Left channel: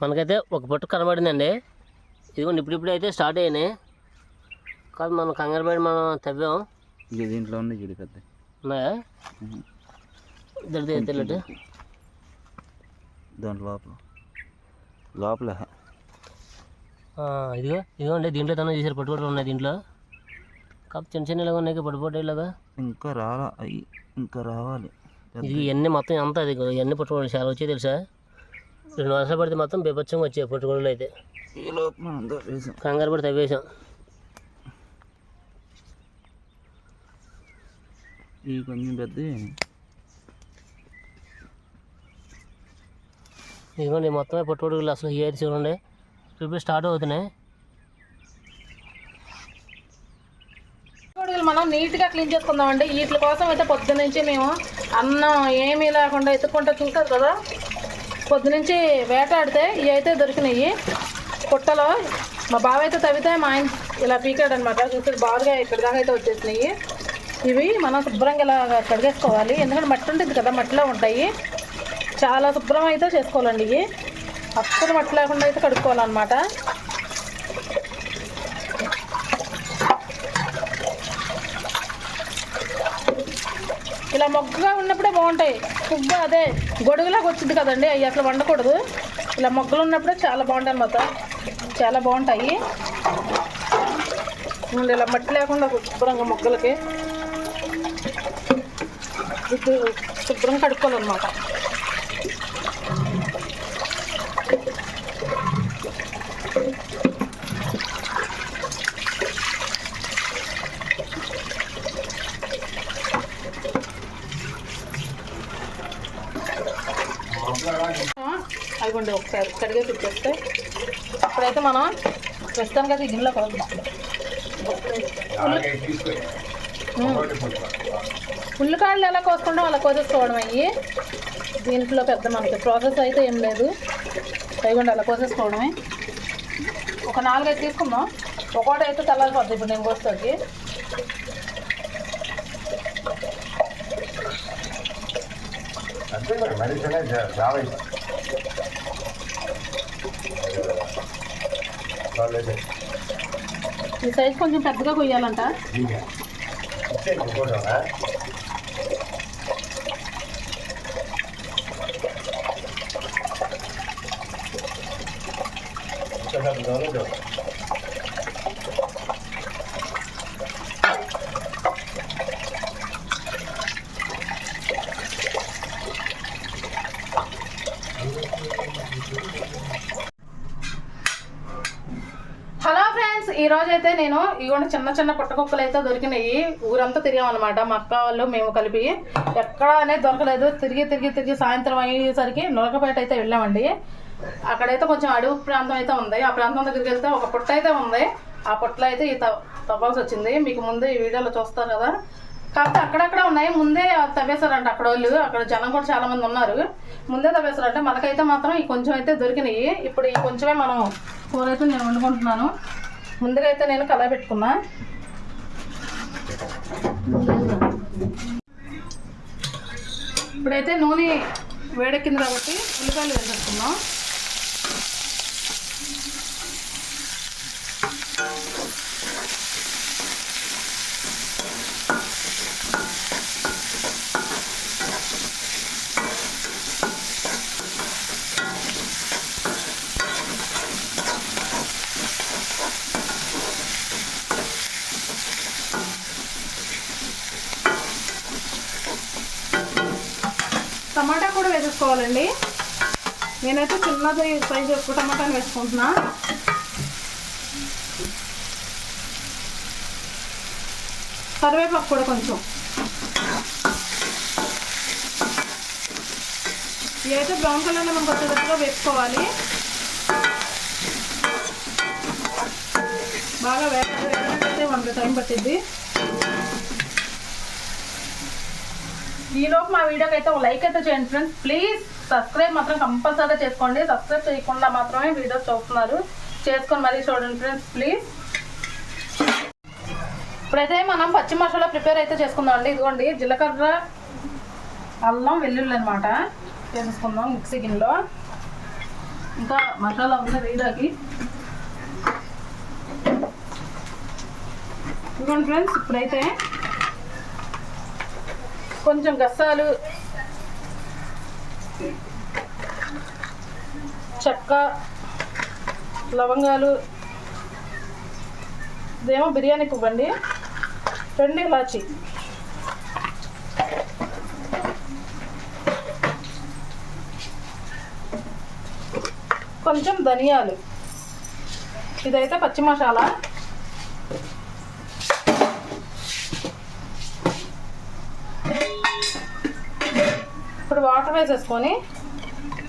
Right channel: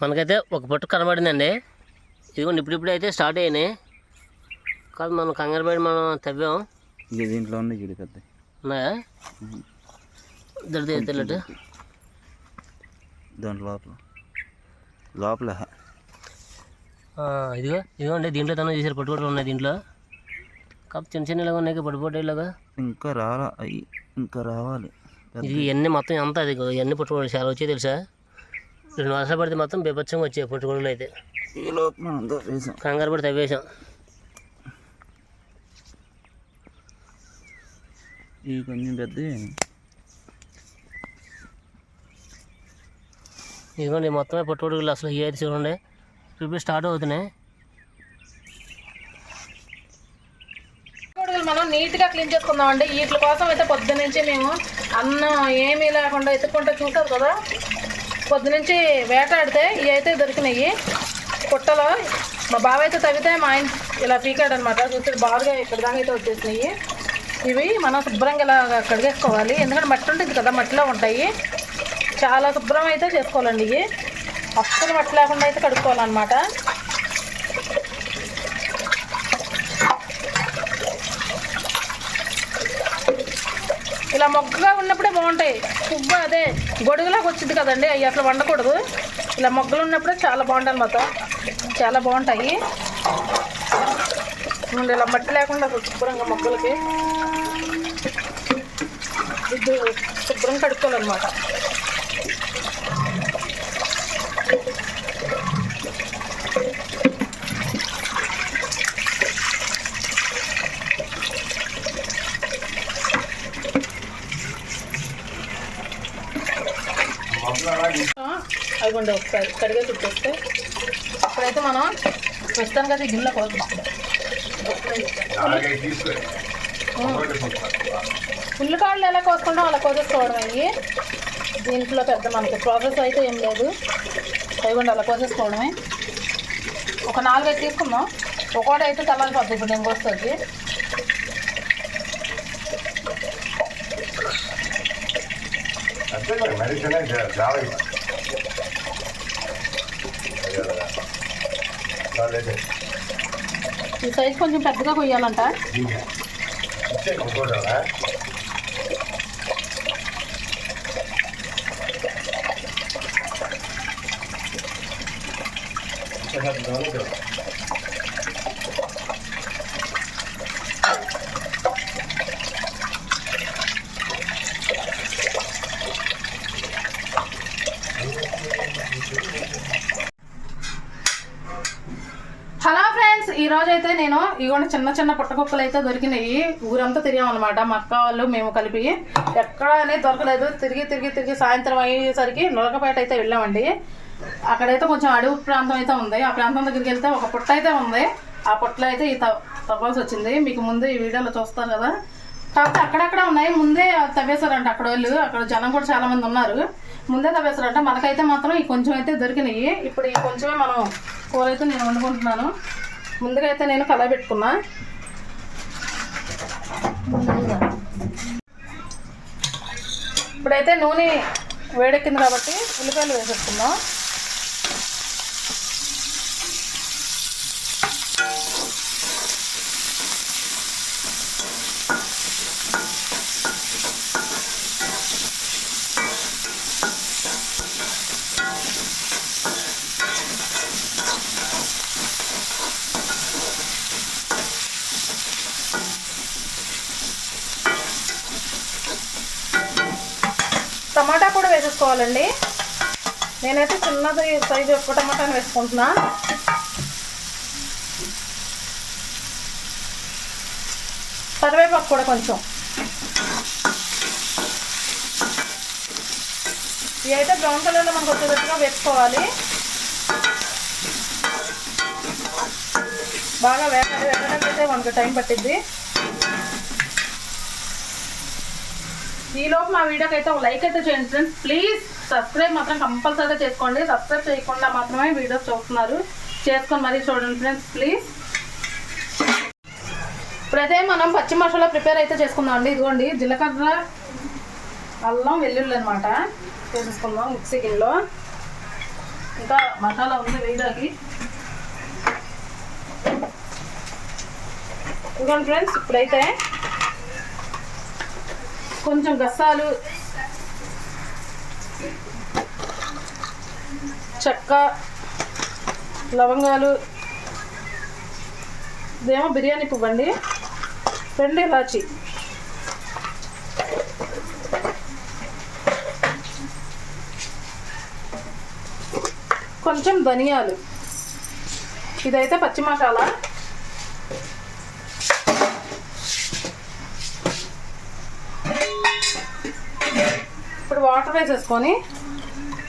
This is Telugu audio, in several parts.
మనకైతే ఒక పొట్టు కనబడిందండి. ఇదిగోండి ఇప్పుడిప్పుడే అయితే స్టార్ట్ అయినాయి. కాదు మనం కంగారు పడి మనం తవ్వాం. ఇక దీంట్లో ఉన్నాయి? దొరికితే తెలియదు దాంట్లో లోపల. లోపల. ఇదిగో ఇదిగోండి దీంట్లో తన చేశారు పట్టుకోవడం ఉన్నాయి దీంట్లో. కాదు చిన్న చిన్న ఇలాగా ఉన్నాయి పట్టుకోవడం ఇలాగా. ఇంకా రాలా ఇంకా రావాలి. ఇది ఇవన్నీ మొత్తం ఎంత అది? ఇవన్నీ పట్టుకోవడం చాలా వచ్చాయి తెలుసా? రెండు వర్షాలు పడితే మొత్తం బీభత్సంగా వచ్చాయి పట్టుకోవడం అయితే. కంగారు పడి తవ్వేశాం ఇవి కొంచెం పెద్ద ఇదిగోండి మొత్తమే పట్టుకోవడం అసలు అయితే చూడండి ఇప్పుడు స్టార్ట్ అవుతున్నాయి. మనం నీట్గా క్లీన్ చేసుకుందాం అండి వీటి కోసం అయితే పొద్దునుంచి మేము అన్నం ఏమీ లేకుండా ఎత్తుకుంటూ చూసారు కదా. పొద్దునుంచి వేటాడితే ఇవి అయితే దొరికినాయి. పుట్టలో మా బావ అయితే తవ్వితే మా ఆయన ఇలా పీకాడు అనమాట చూస్తే బాగా ఇక్కడ దాకా అయితే వచ్చేసినాయి. ఇవి మనం శుభ్రంగా ఇలా కడిగేసుకోవాలి ఎందుకంటే మట్టి ఉంటుంది కదా మట్టిలో ఉంటాయి. చాలా శుభ్రం అయితే చేసుకోవాలండి ఇవి. అస్సలు మట్టి లేకుండా అయితే కడుక్కోవాలన్నమాట. ఇలా మొగ్గగా ఉన్నప్పుడే బాగుంటాయి. పువ్వు అదే గొడుగులాగా వచ్చింది కదండి అవి అట్లా వండకూడదు. ఇలా మొగ్గలు ఉన్నప్పుడే చాలా బాగుంటాయి అన్నమాట. చాలా బాగుంటాయి. ఇలా మట్టి లేకుండా శుభ్రంగా మొగ్గలకి శుభ్రంగా కడుక్కోవాలన్నమాట. అదిగోండి ఒకసారి. కడిగే తిప్పేస్తే ఇప్పుడైతే మనం ప్రస్తుతానికి అయితే గిన్నెలో కలుగుతాం ఉల్లికాయలు ఎలా కోసుకుంటాం అలా కోసేసుకోవడం అయ్యి. దీంట్లో పెద్ద మనకి ప్రాసెస్ అయితే ఏం లేదు. అదిగోండి అలా కోసేసుకోవడమే. ఒక నాలుగైదు తీసుకుందాం. ఒకటి అయితే తెల్లారిపోద్ది ఇప్పుడు నేను కోస్తుంది అంతే మరి మనిషినే చాలా ఈ సైజ్ కొంచెం పెద్దగా కొయ్యాలంట ఇచ్చే కొనుక్కోవడా హలో ఫ్రెండ్స్ ఈ రోజు అయితే నేను ఇగోండి చిన్న చిన్న పుట్టకుక్కలు అయితే దొరికినాయి. ఊరంతా తిరిగామన్నమాట. మా అక్క వాళ్ళు మేము కలిపి ఎక్కడ అనేది దొరకలేదు. తిరిగి తిరిగి తిరిగి సాయంత్రం అయ్యేసరికి నొలకపేట అయితే వెళ్ళామండి. అక్కడైతే కొంచెం అడవి ప్రాంతం అయితే ఉంది. ఆ ప్రాంతం దగ్గరికి వెళ్తే ఒక పుట్ట అయితే ఉంది. ఆ పుట్టలో అయితే ఈ తవ్- తవ్వాల్సి వచ్చింది. మీకు ముందు ఈ వీడియోలో చూస్తారు కదా. కాకపోతే అక్కడక్కడ ఉన్నాయి. ముందే తవ్వేశారంట అక్కడ వాళ్ళు. అక్కడ జనం కూడా చాలా మంది ఉన్నారు. ముందే తవ్వేశారంట. మనకైతే మాత్రం ఈ కొంచెం అయితే దొరికినాయి. ఇప్పుడు ఈ కొంచెమే మనం కూర అయితే నేను వండుకుంటున్నాను. ముందుగా అయితే నేను కళాయి పెట్టుకున్నా. ఇప్పుడైతే నూనె వేడెక్కింది కాబట్టి ఉల్లిపాయలు వేసేసుకుందాం. కూడా నేనైతే చిన్నది సైజు ఎక్కువ టమాటాని వేసుకుంటున్నా. కరివేపాకు కూడా కొంచెం. ఏదైతే బ్రౌన్ కలర్లో మనకు వచ్చేటట్టుగా వేసుకోవాలి. బాగా వేగ వేగడానికి అయితే మనకు టైం పట్టిద్ది. ఈలోపు మా వీడియోకి అయితే ఒక లైక్ అయితే చేయండి ఫ్రెండ్స్ ప్లీజ్ సబ్స్క్రైబ్ మాత్రం కంపల్సరీగా చేసుకోండి. సబ్స్క్రైబ్ చేయకుండా మాత్రమే వీడియోస్ చూస్తున్నారు. చేసుకొని మరీ చూడండి ఫ్రెండ్స్ ప్లీజ్ ఇప్పుడైతే మనం పచ్చి మసాలా ప్రిపేర్ అయితే చేసుకుందాం అండి. ఇదిగోండి జీలకర్ర అల్లం వెల్లుల్లి అనమాట చేసుకుందాం మిక్సీ గిన్నెలో. ఇంకా మసాలా ఉంది వేయడానికి. ఇదిగోండి ఫ్రెండ్స్ ఇప్పుడైతే కొంచెం గసాలు చెక్క లవంగాలు ఇదేమో బిర్యానీ పువ్వండి రెండు ఇలాచి. కొంచెం ధనియాలు. ఇదైతే పచ్చి మసాలా ఇప్పుడు వాటర్ వేసేసుకొని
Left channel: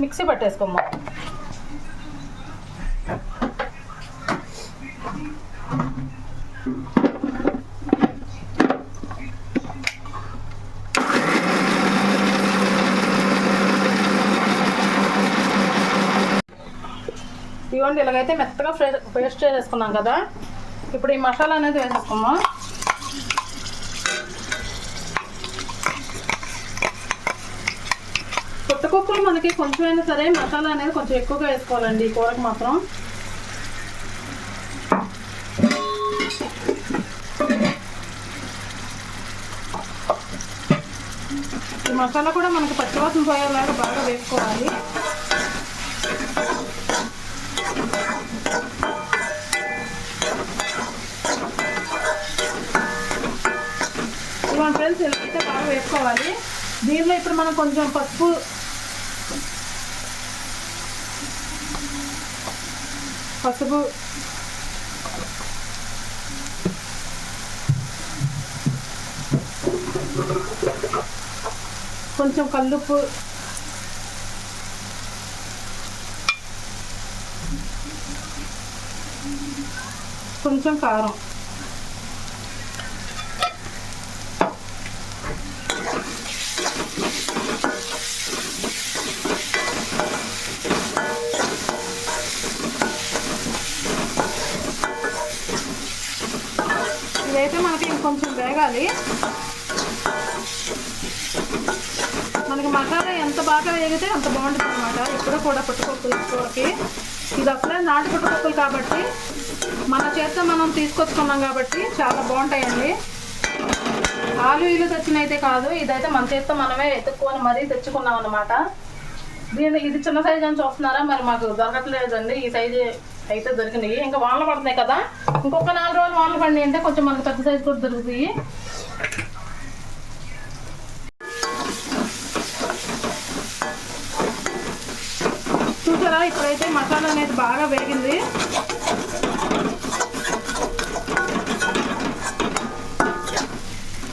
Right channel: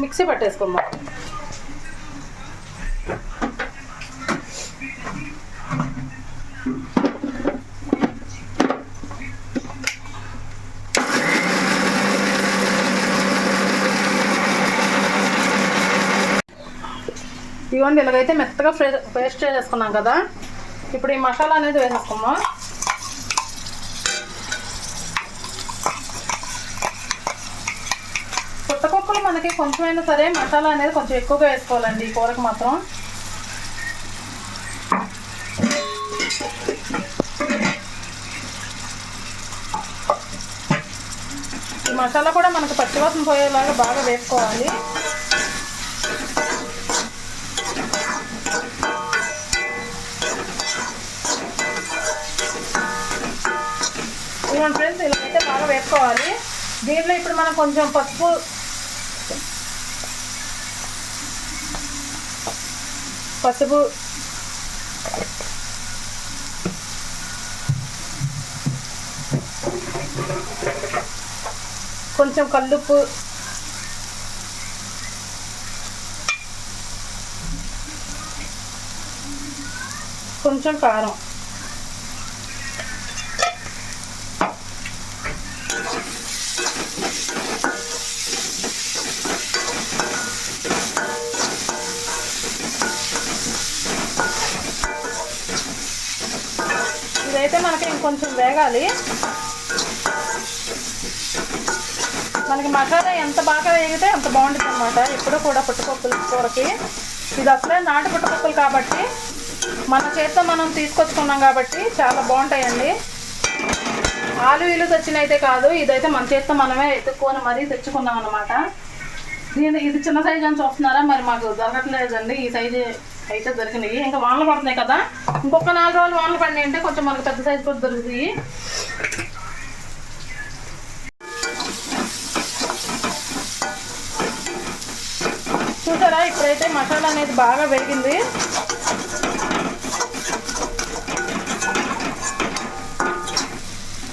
మిక్సీ పట్టేసుకుందాం ఇవ్వండి ఇలాగైతే మెత్తగా పేస్ట్ చేసేసుకున్నాం కదా. ఇప్పుడు ఈ మసాలా అనేది వేసేసుకుందాం పుట్టకుక్కలు మనకి కొంచెమైనా సరే మసాలా అనేది కొంచెం ఎక్కువగా వేసుకోవాలండి ఈ కూరకు మాత్రం. ఈ మసాలా కూడా మనకు పచ్చివాసన పోయేలాగా బాగా వేసుకోవాలి. ఇవన్నీ ఫ్రెండ్స్ ఇలా అయితే బాగా వేసుకోవాలి. దీనిలో ఇప్పుడు మనం కొంచెం పసుపు పసుపు కొంచెం కల్లుప్పు కొంచెం కారం ఇదైతే మనకి ఇంకొంచెం వేగాలి. మనకి మసాలా ఎంత బాగా వేగితే అంత బాగుంటుంది అనమాట ఇప్పుడు కూడా పుట్టుకొక్కుల కూరకి. ఇది అసలే నాటు పుట్టుకొక్కులు కాబట్టి మన చేత మనం తీసుకొచ్చుకున్నాం కాబట్టి చాలా బాగుంటాయండి. ఆలు ఇల్లు తెచ్చినైతే కాదు ఇదైతే మన చేత మనమే ఎత్తుక్కొని మరీ తెచ్చుకున్నాం అనమాట దీని ఇది చిన్న సైజ్ అని చూస్తున్నారా? మరి మాకు దొరకట్లేదండి ఈ సైజు అయితే దొరికినాయి ఇంకా వానలు పడుతున్నాయి కదా. ఇంకొక నాలుగు రోజులు వానలు పడినాయి అంటే కొంచెం మనకు పెద్ద సైజు కూడా దొరుకుతాయి. చూసారా? ఇప్పుడైతే మసాలా అనేది బాగా వేగింది.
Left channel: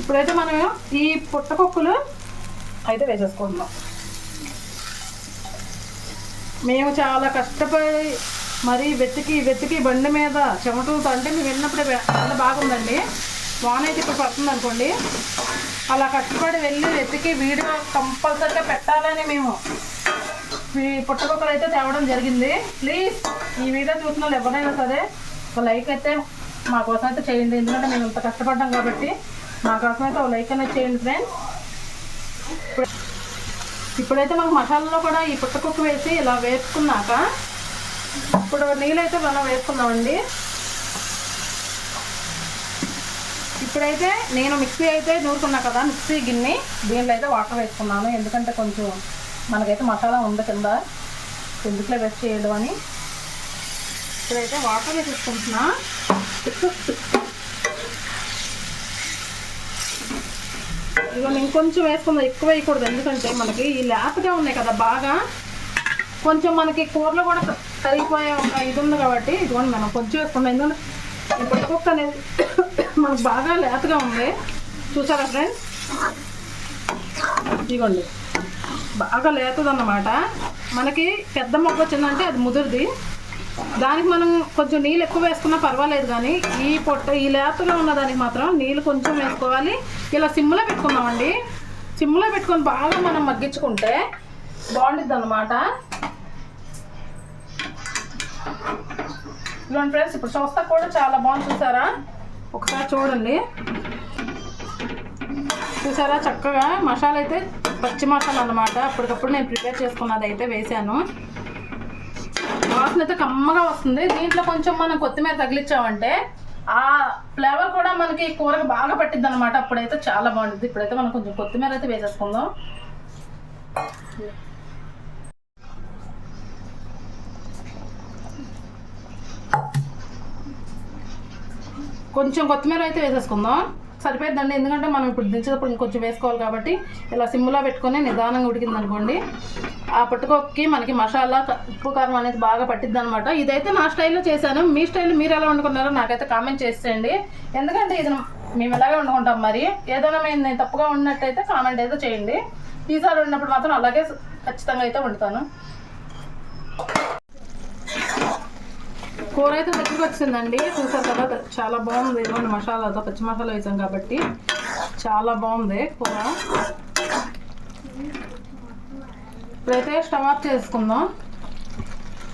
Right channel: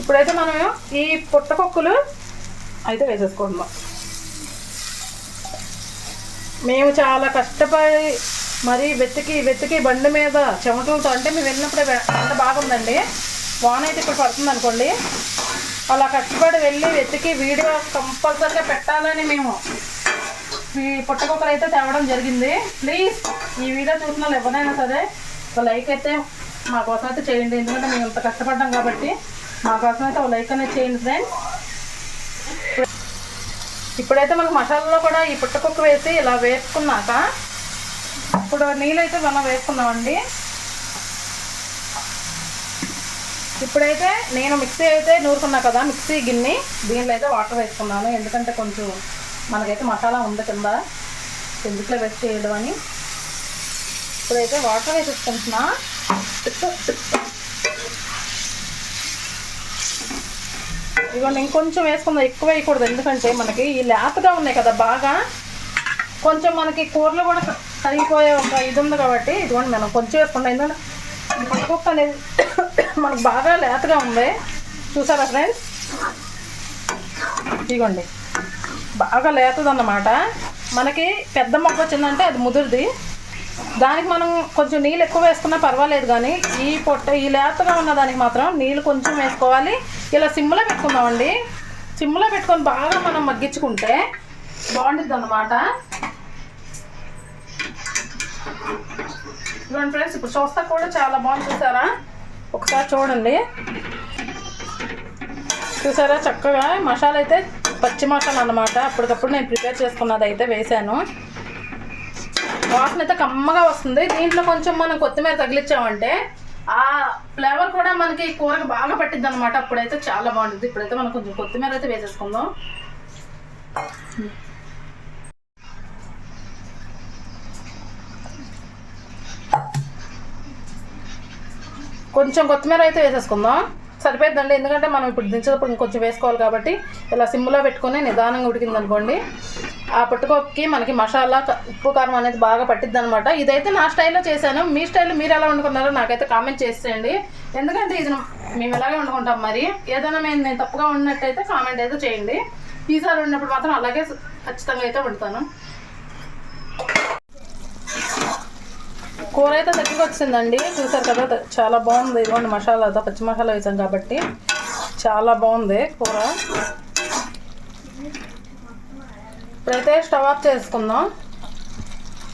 ఇప్పుడైతే మనం ఈ పుట్టపప్పులు అయితే వేసేసుకుందాం మేము చాలా కష్టపడి మరి వెతికి వెతికి బండి మీద చెమటలతో అంటే మేము వెళ్ళినప్పుడే ఎండ బాగుందండి. వాన అయితే ఇప్పుడు పడుతుంది అనుకోండి. అలా కష్టపడి వెళ్ళి వెతికి వీడియో కంపల్సరీగా పెట్టాలని మేము ఈ పుట్టకొక్కలు అయితే తేవడం జరిగింది. ప్లీజ్ ఈ వీడియో చూసిన వాళ్ళు ఎవరైనా సరే ఒక లైక్ అయితే మా కోసం అయితే చేయండి. ఎందుకంటే మేము ఇంత కష్టపడ్డాం కాబట్టి మా కోసం అయితే ఒక లైక్ అనేది చేయండి ఫ్రెండ్స్. ఇప్పుడైతే మనకు మసాలాలో కూడా ఈ పుట్టకొక్క వేసి ఇలా వేసుకున్నాక ఇప్పుడు నీళ్ళైతే మనం వేసుకున్నామండి. ఇప్పుడైతే నేను మిక్సీ అయితే నూరుకున్నా కదా మిక్సీ గిన్నె దీనిలో అయితే వాటర్ వేసుకున్నాను. ఎందుకంటే కొంచెం మనకైతే మసాలా ఉంది కింద ఎందుకులో వేస్ట్ చేయడం అని. ఇప్పుడైతే వాటర్ వేసేసుకుంటున్నా. ఇగో నేను కొంచెం వేసుకుందా ఎక్కువ వేయకూడదు. ఎందుకంటే మనకి ఈ లేతగా ఉన్నాయి కదా బాగా. కొంచెం మనకి కూరలో కూడా కరిగిపోయే ఒక ఇది ఉంది కాబట్టి ఇదిగోండి మనం కొంచెం వేసుకున్నాం ఎందుకంటే ఇప్పుడు పుట్టకొక్క అనేది మనకు బాగా లేతగా ఉంది. చూసారా ఫ్రెండ్స్? ఇదిగోండి. బాగా లేతదన్నమాట. మనకి పెద్ద మొక్క వచ్చిందంటే అది ముదురుది. దానికి మనం కొంచెం నీళ్ళు ఎక్కువ వేసుకున్నా పర్వాలేదు కానీ ఈ పొట్ట ఈ లేతగా ఉన్న దానికి మాత్రం నీళ్ళు కొంచెం వేసుకోవాలి. ఇలా సిమ్లో పెట్టుకుందామండి. సిమ్లో పెట్టుకొని బాగా మనం మగ్గించుకుంటే బాగుంటుంది అన్నమాట ఇదిగోండి ఫ్రెండ్స్ ఇప్పుడు చూస్తా కూడా చాలా బాగుంది. చూసారా? ఒకసారి చూడండి. చూసారా? చక్కగా మసాలా అయితే పచ్చి మసాలా అన్నమాట. అప్పటికప్పుడు నేను ప్రిపేర్ చేసుకున్నది అయితే వేసాను వాసన అయితే కమ్మగా వస్తుంది. దీంట్లో కొంచెం మనం కొత్తిమీర తగిలించామంటే ఆ ఫ్లేవర్ కూడా మనకి కూరకు బాగా పట్టిద్ది అనమాట అప్పుడైతే చాలా బాగుంటుంది. ఇప్పుడైతే మనం కొంచెం కొత్తిమీర అయితే వేసేసుకుందాం. కొంచెం కొత్తిమీర అయితే వేసేసుకుందాం. సరిపోద్దండి ఎందుకంటే మనం ఇప్పుడు దించేటప్పుడు ఇంకొంచెం వేసుకోవాలి కాబట్టి ఇలా సిమ్లో పెట్టుకొని నిదానంగా ఉడికింది అనుకోండి ఆ పట్టుకోకి మనకి మసాలా ఉప్పు కారం అనేది బాగా పట్టిద్ది అనమాట ఇదైతే నా స్టైల్లో చేశాను. మీ స్టైల్లో మీరు ఎలా వండుకున్నారో నాకైతే కామెంట్ చేసేయండి. ఎందుకంటే ఇది మేము ఎలాగే వండుకుంటాం మరి? ఏదైనా మేము నేను తప్పుగా ఉన్నట్టయితే కామెంట్ అయితే చేయండి. ఈసారి ఉన్నప్పుడు మాత్రం అలాగే ఖచ్చితంగా అయితే వండుతాను. కూర అయితే దగ్గరికి వచ్చిందండి చూసారు కదా చాలా బాగుంది. ఇదిగోండి మసాలాతో పచ్చి మసాలా వేసాం కాబట్టి చాలా బాగుంది కూర. ఇప్పుడైతే స్టవ్ ఆఫ్ చేసుకుందాం.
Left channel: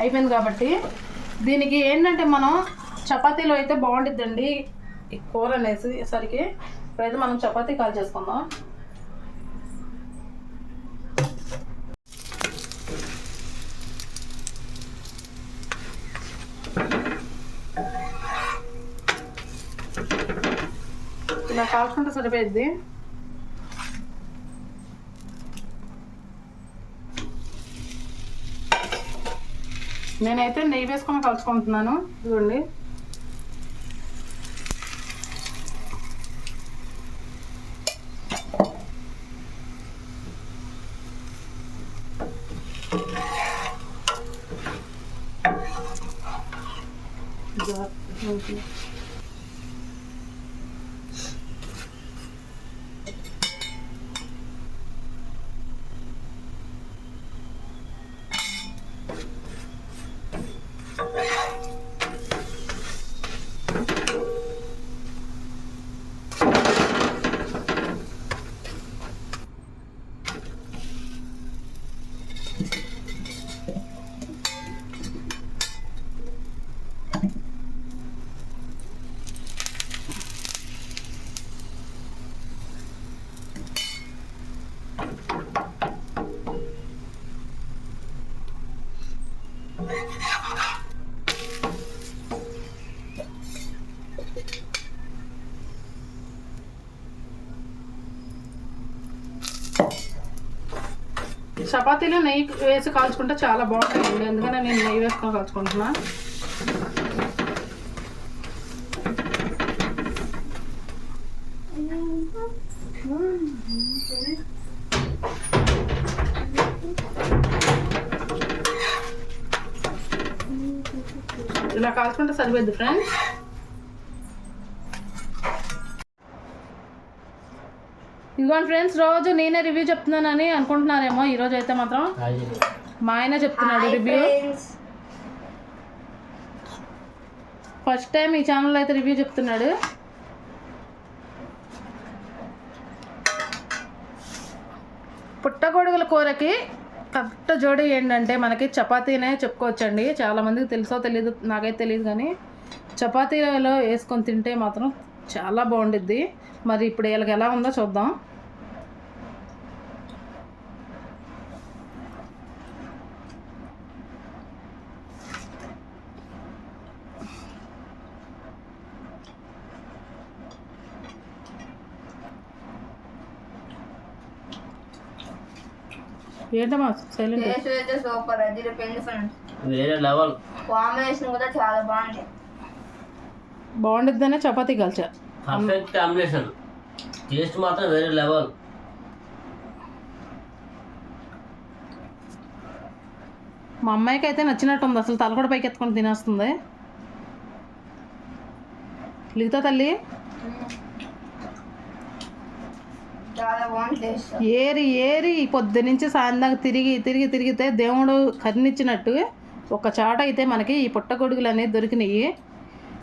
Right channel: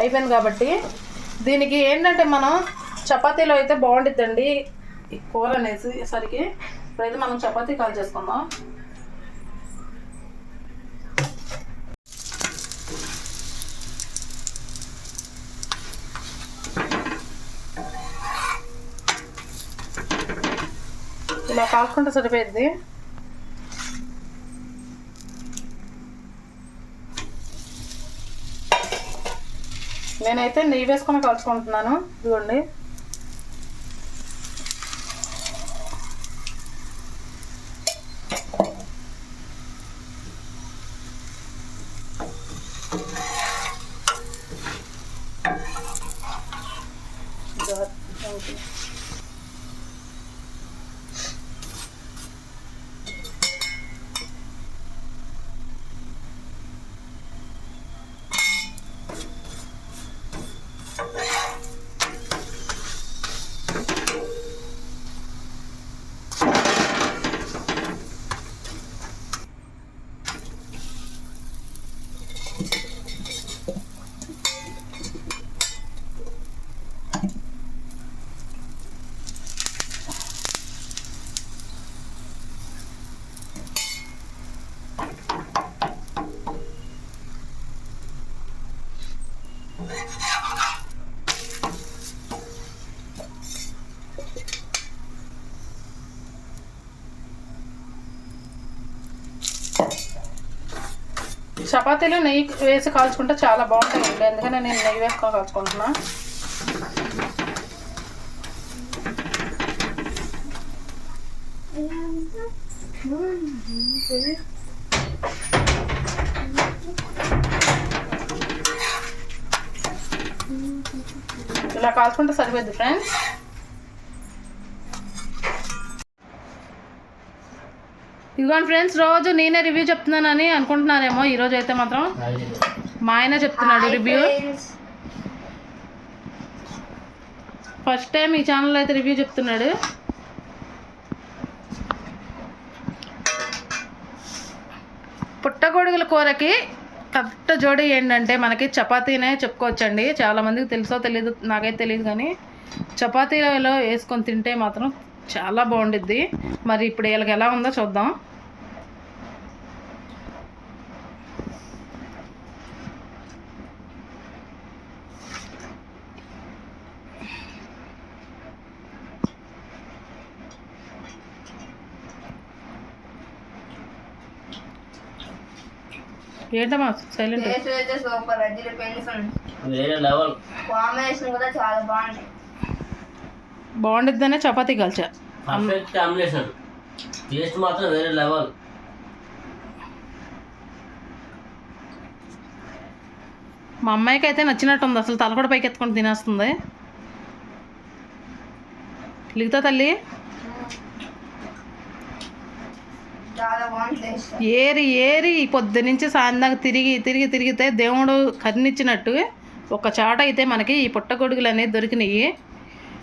అయిపోయింది కాబట్టి దీనికి ఏంటంటే మనం చపాతీలో అయితే బాగుంటుందండి ఈ కూర అనేసి సరికి. ఇప్పుడైతే మనం చపాతీ కాల్ చేసుకుందాం. ఇలా సరిపోయింది నేనైతే నెయ్యి వేసుకొని కలుచుకుంటున్నాను ఇదిగోండి. చపాతీలో నెయ్యి వేసి కాల్చుకుంటే చాలా బాగుంటాయండి అందుకనే నేను నెయ్యి వేసుకొని కాల్చుకుంటున్నా. ఇలా కాల్చుకుంటే సరిపోద్ది ఫ్రెండ్స్ ఇదిగోండి ఫ్రెండ్స్ రోజు నేనే రివ్యూ చెప్తున్నానని అనుకుంటున్నారేమో ఈరోజు అయితే మాత్రం. మా ఆయన చెప్తున్నాడు రివ్యూ ఫస్ట్ టైం ఈ ఛానల్లో అయితే రివ్యూ చెప్తున్నాడు. పుట్టగొడుగుల కూరకి కరెక్ట్ జోడి ఏంటంటే మనకి చపాతీనే చెప్పుకోవచ్చండి. చాలామందికి తెలుసో తెలియదు నాకైతే తెలియదు కానీ చపాతీలో వేసుకొని తింటే మాత్రం చాలా బాగుండిద్ది. మరి ఇప్పుడు వీళ్ళకి ఎలా ఉందో చూద్దాం. ఏంటమ్మా సైలెంట్ టేస్ట్ అయితే సూపర్ వేరే లెవెల్. కాంబినేషన్ కూడా చాలా బాగుంది. బాగుండిద్దనే చపాతీ కలిచా పర్ఫెక్ట్ కాంబినేషన్. టేస్ట్ మాత్రం వేరే లెవెల్. మా అమ్మాయికి అయితే నచ్చినట్టుంది అసలు తల కూడా పైకి ఎత్తుకొని తినేస్తుంది. లిగుతా తల్లి? ఏరి ఏరి పొద్దు నుంచి సాయంత్రం తిరిగి తిరిగి తిరిగితే దేవుడు కరుణిచ్చినట్టు ఒక చాట అయితే మనకి ఈ పుట్టగొడుగులు అనేవి దొరికినాయి.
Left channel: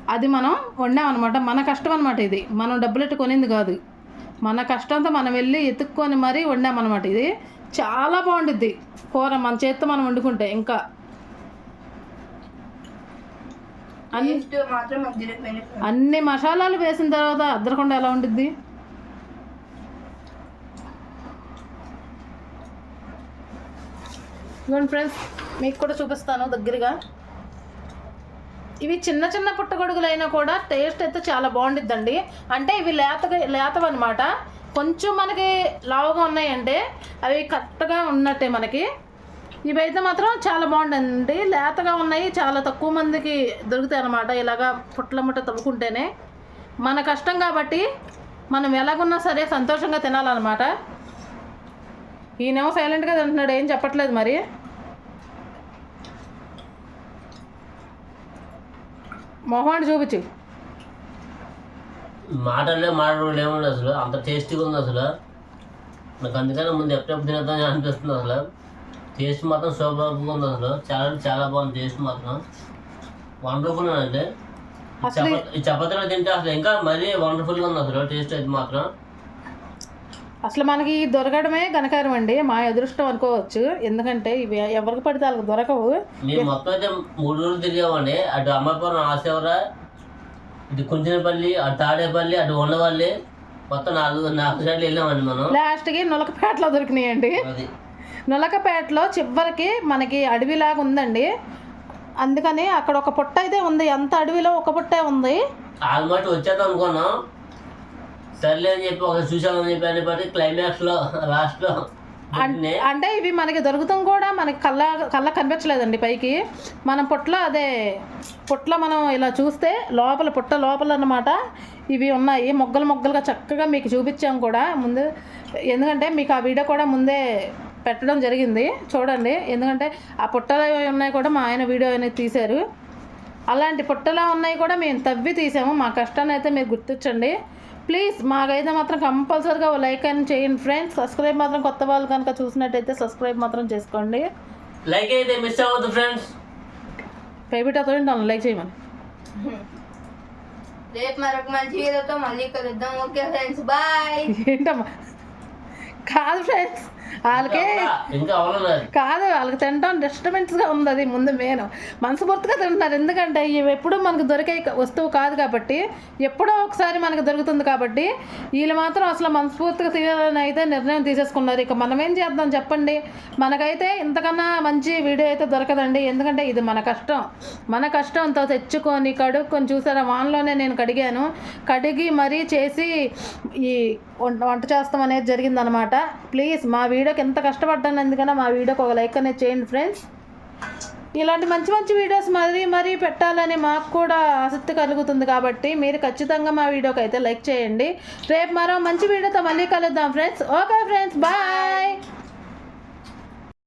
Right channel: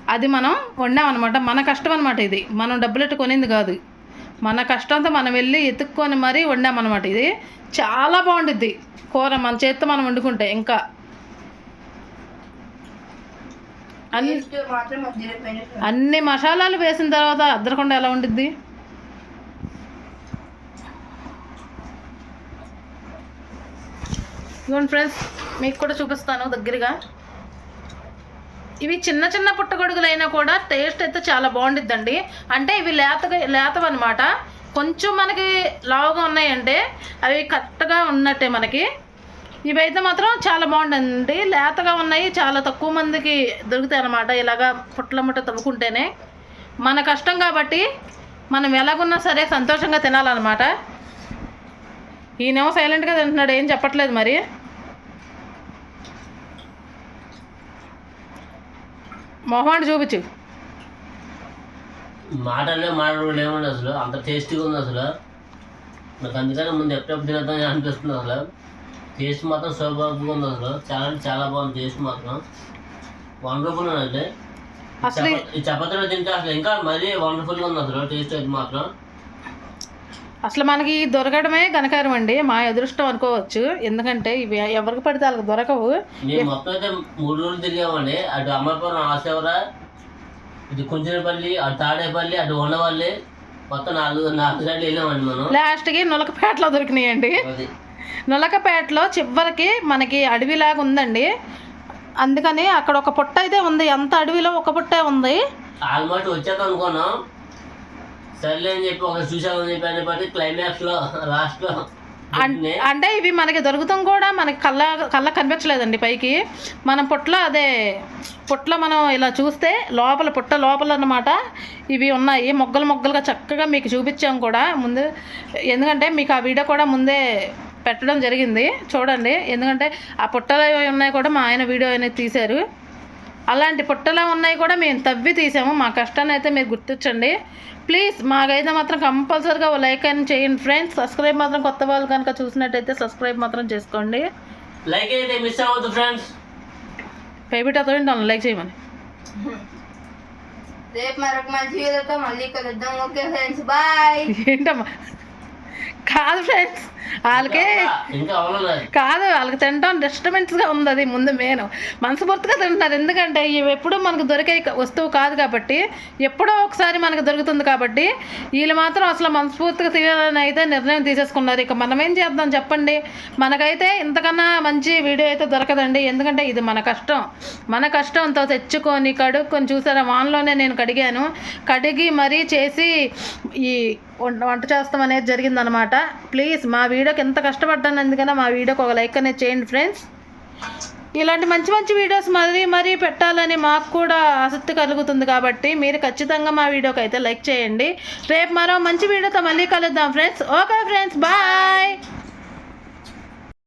అది మనం వండామన్నమాట. మన కష్టం అనమాట ఇది. మనం డబ్బులెట్టు కొనింది కాదు. మన కష్టంతో మనం వెళ్ళి ఎత్తుక్కొని మరీ వండామన్నమాట ఇది. చాలా బాగుండిద్ది. కూర మన చేత్తో మనం వండుకుంటే ఇంకా. అన్ని. అన్ని మసాలాలు వేసిన తర్వాత అద్దరకుండా ఎలా ఉండిద్ది? ఇదిగోండి ఫ్రెండ్స్ మీకు కూడా చూపిస్తాను దగ్గరగా. ఇవి చిన్న చిన్న పుట్టగొడుగులైనా కూడా టేస్ట్ అయితే చాలా బాగుండిద్దండి. అంటే ఇవి లేతగా లేతవన్నమాట. కొంచెం మనకి లావుగా ఉన్నాయంటే అవి కరెక్ట్గా ఉన్నట్టే మనకి. ఇవైతే మాత్రం చాలా బాగుండండి. లేతగా ఉన్నాయి చాలా తక్కువ మందికి దొరుకుతాయి అన్నమాట ఇలాగా పుట్ల ముట్ట తవ్వుకుంటేనే. మన కష్టం కాబట్టి మనం ఎలాగున్నా సరే సంతోషంగా తినాలన్నమాట. ఈయనేమో సైలెంట్గా తింటున్నాడు ఏం చెప్పట్లేదు మరి. మొహమాడు చూపించు. మాటలే మాట్లాడడం ఏముంది అసలు అంత టేస్టీగా ఉంది అసలు. నాకు అందుకని ముందు ఎప్పుడెప్పుడు తినద్దని అనిపిస్తుంది అసలు. టేస్ట్ మాత్రం సూపర్గా ఉంది అసలు. చాలా చాలా బాగుంది టేస్ట్ మాత్రం. వండర్ఫుల్ అండి. అసలు ఈ చపాతీలో తింటే అసలు ఇంకా మరీ వండర్ఫుల్గా ఉంది అసలు టేస్ట్ అయితే మాత్రం. అసలు మనకి దొరకడమే ఘనకారం అండి. మా అదృష్టం అనుకోవచ్చు. ఎందుకంటే ఇవి ఎవరికి పడితే వాళ్ళకి దొరకవు. మేము మొత్తం అయితే మూడు రోజులు తిరిగామండి. అటు అమర్పురం ఆశవర ఇటు కుంచినపల్లి అటు తాడేపల్లి అటు ఉండవల్లి మొత్తం నాలుగు నాలుగు సైడ్లు వెళ్ళామండి మనం. లాస్ట్కి నులకపేటలో దొరికినాయండి. అది. నులకపేటలో చివరికి మనకి అడవిలాగా ఉందండి. అందుకని అక్కడ ఒక పుట్ట అయితే ఉంది. ఎంత అడవిలో ఒక పుట్టే ఉంది. ఆల్మోస్ట్ వచ్చేద్దాం అనుకున్నాం. సర్లే అని చెప్పి ఒక చూసామని చెప్పి అనేప్పటికీ క్లైమాక్స్లో లాస్ట్లో అన్- అంటే ఇవి మనకి దొరుకుతాం కూడా మనకి కళ్ళ కళ్ళ కనిపించలేదండి పైకి. మనం పుట్ల అదే పుట్ల మనం ఇలా చూస్తే లోపల పుట్ట లోపల అన్నమాట ఇవి ఉన్నాయి. మొగ్గలు మొగ్గలుగా చక్కగా మీకు చూపించాం కూడా ముందు. ఎందుకంటే మీకు ఆ వీడియో కూడా ముందే పెట్టడం జరిగింది. చూడండి. ఎందుకంటే ఆ పుట్టలో ఉన్నాయి కూడా మా ఆయన వీడియో అనేది తీశారు. అలాంటి పుట్టలో ఉన్నాయి కూడా మేము తవ్వి తీసాము. మా కష్టాన్ని అయితే మీరు గుర్తించండి. ప్లీజ్ మాకైతే మాత్రం కంపల్సరీగా ఓ లైక్ అని చేయండి ఫ్రెండ్స్ సబ్స్క్రైబ్ మాత్రం కొత్త వాళ్ళు కనుక చూసినట్టయితే సబ్స్క్రైబ్ మాత్రం చేసుకోండి. లైక్ అయితే మిస్ అవ్వద్దు ఫ్రెండ్స్ పేబిటాతో లైక్ చేయమని. రేపు మరొక మంచి వీడియోతో మళ్ళీ కలుద్దాం. ఓకే ఫ్రెండ్స్ బాయ్ ఏంటమ్మా? కాదు ఫ్రెండ్స్ వాళ్ళకే కాదు వాళ్ళకి తినడం డిస్టర్బెన్స్గా ఉంది అది ముందు మెయిన్ మనస్ఫూర్తిగా తింటున్నారు. ఎందుకంటే ఇవి ఎప్పుడూ మనకు దొరికే వస్తువు కాదు కాబట్టి ఎప్పుడో ఒకసారి మనకు దొరుకుతుంది కాబట్టి వీళ్ళు మాత్రం అసలు మనస్ఫూర్తిగా తినాలని అయితే నిర్ణయం తీసేసుకున్నారు. ఇక మనం ఏం చేద్దాం చెప్పండి? మనకైతే ఇంతకన్నా మంచి వీడియో అయితే దొరకదండి. ఎందుకంటే ఇది మన కష్టం. మన కష్టంతో తెచ్చుకొని కడుక్కొని చూసారా? వాన్లోనే నేను కడిగాను. కడిగి మరీ చేసి ఈ వంట చేస్తాం అనేది జరిగిందనమాట. ప్లీజ్ మా వీడియోకి ఎంత కష్టపడ్డాను అందుకనే మా వీడియోకి ఒక లైక్ అనేది చేయండి ఫ్రెండ్స్ ఇలాంటి మంచి మంచి వీడియోస్ మరీ మరీ పెట్టాలని మాకు కూడా ఆసక్తి కలుగుతుంది కాబట్టి మీరు ఖచ్చితంగా మా వీడియోకి అయితే లైక్ చేయండి. రేపు మరో మంచి వీడియోతో మళ్ళీ కలుద్దాం ఫ్రెండ్స్ ఓకే ఫ్రెండ్స్ బాయ్